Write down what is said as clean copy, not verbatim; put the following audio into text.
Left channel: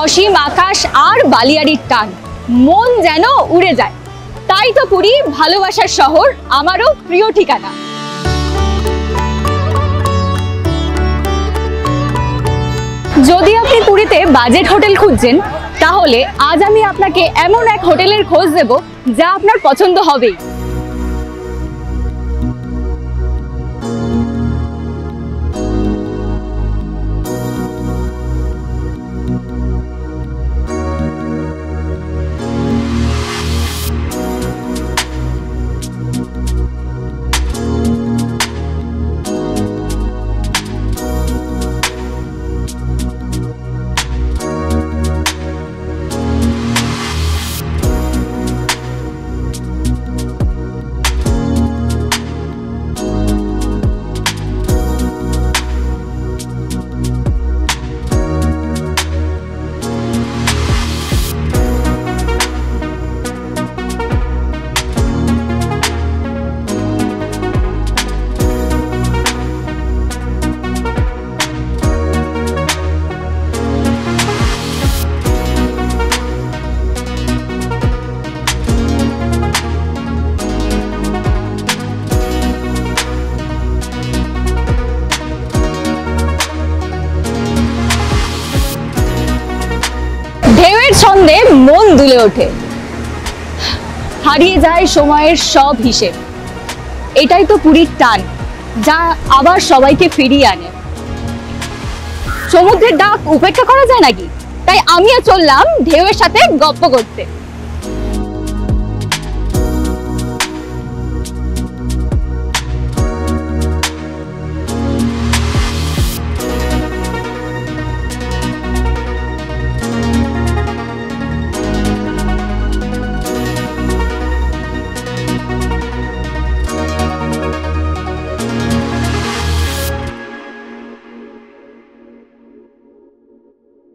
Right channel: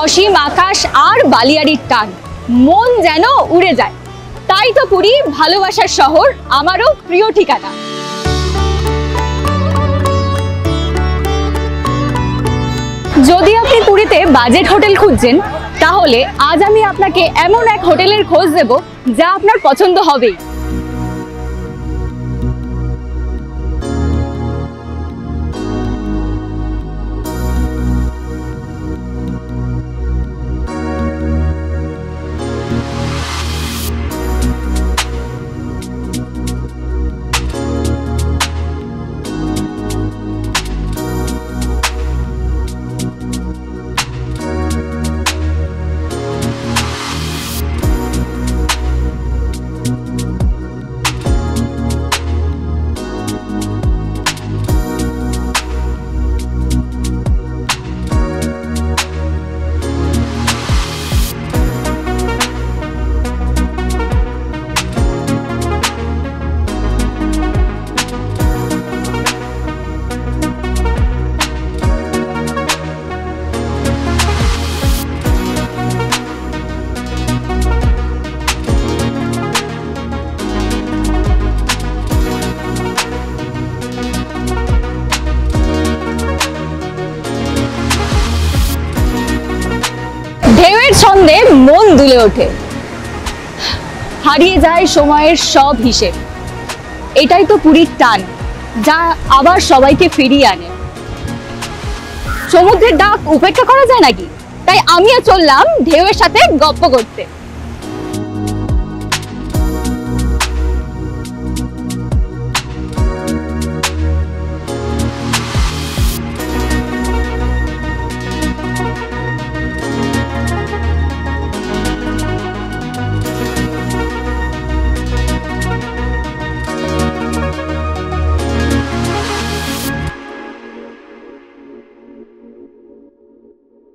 অসীম আকাশ আর বালিয়াড়ির টান, মন যেন উড়ে যায়। তাই তো পুরী ভালোবাসার শহর, আমারও প্রিয় ঠিকানা। যদি আপনি পুরীতে বাজেট হোটেল খুঁজছেন, তাহলে আজ আমি আপনাকে এমন এক হোটেলের খোঁজ দেব যা আপনার পছন্দ হবেই। ঢেউয়ের ছন্দে মন দুলে ওঠে, হারিয়ে যায় সময়ের সব হিসেব। এটাই তো পুরীর টান, যা আবার সবাইকে ফিরিয়ে আনে। সমুদ্রের ডাক উপেক্ষা করা যায় নাকি? তাই আমিও চললাম ঢেউয়ের সাথে গপ্প করতে।